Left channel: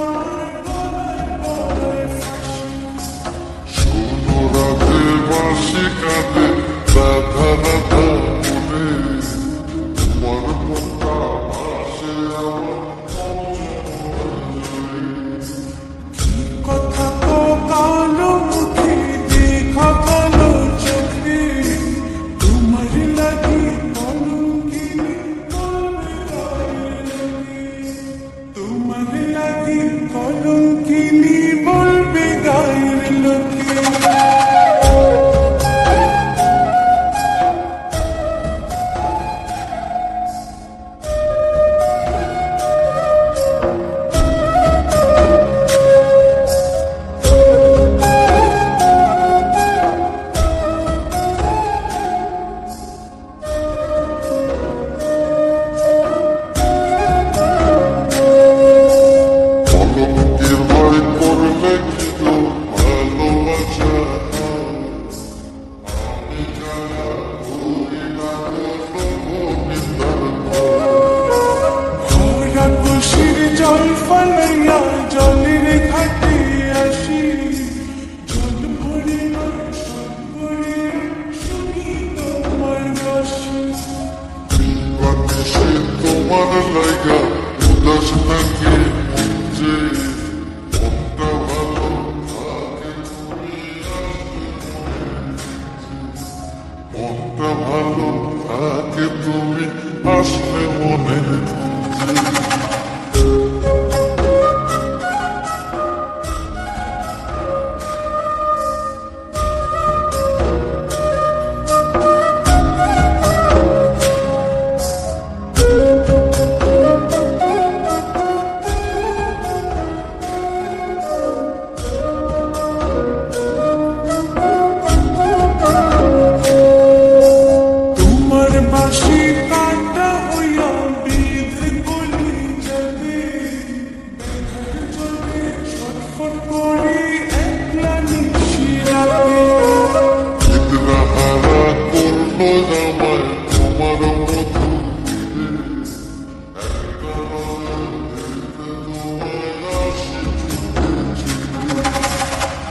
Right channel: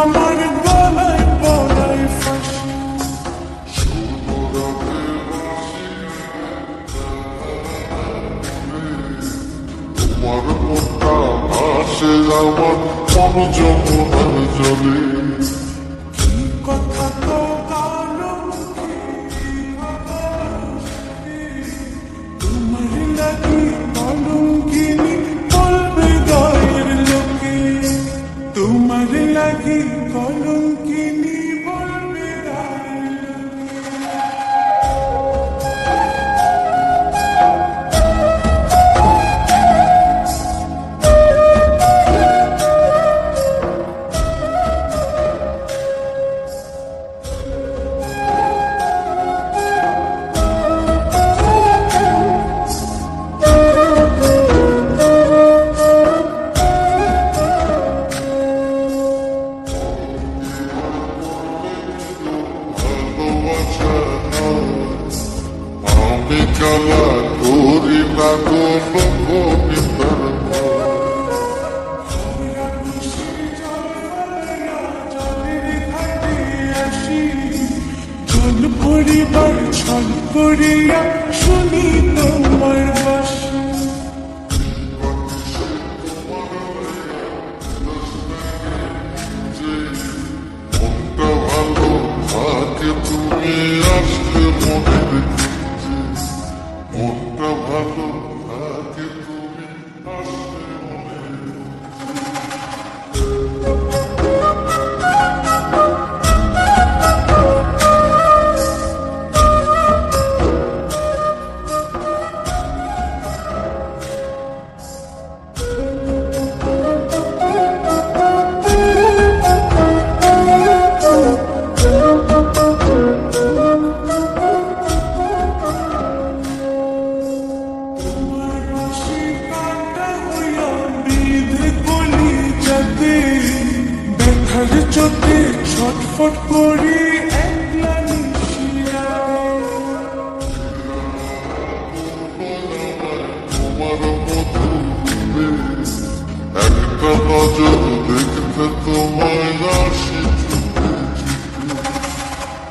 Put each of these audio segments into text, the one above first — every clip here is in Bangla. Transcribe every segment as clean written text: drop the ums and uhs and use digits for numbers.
আমার গলায় পড়ায় ফাঁসি। শোনো রাধে বাঁশি কাঁদে রাধা রাধা মনে, তোমার মনটা ভাসে আমার মন যমুনার জলে। কি কথা তো কালো মুখে দেখা কালো চোখে, তোমার লাগি কলঙ্কিনী বলবে গায়ের লোকে, তোমার লাগি কলঙ্কিনী বলবে গায়ের লোকে। আমি কালা করি না কোনো নিন্দার ভরা খুশির জল ফালাইয়া জলের ঘাটে আসি, জল ভরিবার ছল করিয়া শুনি তোমার বাসি। বাকি সে তোমার লাগা উদাস থাকে যে মনটা ভালো থাকে তুমি আসলে মনে রেখেছে, মনটা ভালো থাকে তুমি আসলে মনে রেখেছে। বাঁশি কাটা হইয়া বিধে কলি যাতে, ব্যথার চোটে ছটফট করি একলা নিশিরাতে। চিত্রাহারা করলো জামায় তোমার মধু রূপে, একটা নজর দেখতে তোমায় আসি ছুটে ছুটে।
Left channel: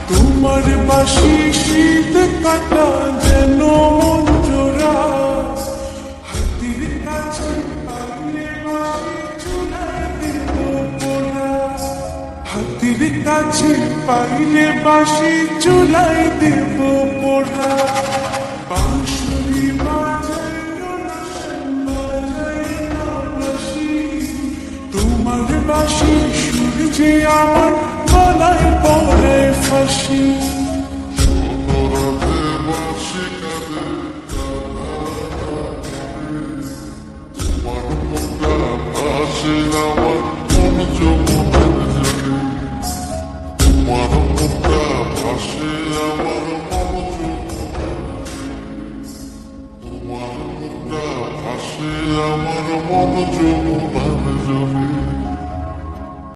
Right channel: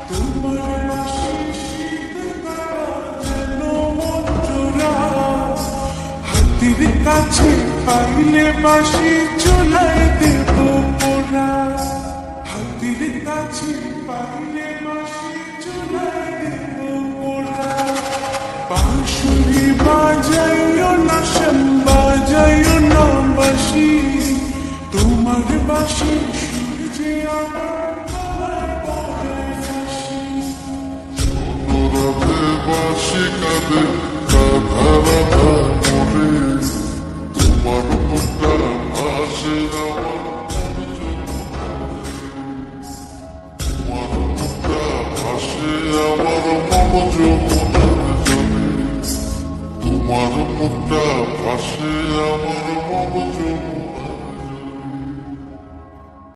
তোমার বাঁশি শীত কাটা যেন মন জোড়া, হাতির কাছে পাইলে বাঁশি চুলায় দেব পোড়া, হাতির কাছে পাইলে বাঁশি চুলায় দেব পোড়া। বাঁশুরি বাজাইও না শ্যাম বাজাইও না বাঁশি, তোমার বাঁশির সুর যে আমার গলায় পড়ায় ফাঁসি। শোনো রাধে বাঁশি কাঁদে রাধা রাধা মনে, তোমার মুখটা ভাসে আমার মন যমুনার জলে, তোমার মুখটা ভাসে আমার মন যমুনার জলে, তোমার মুখটা ভাসে আমার মন যমুনার জলে।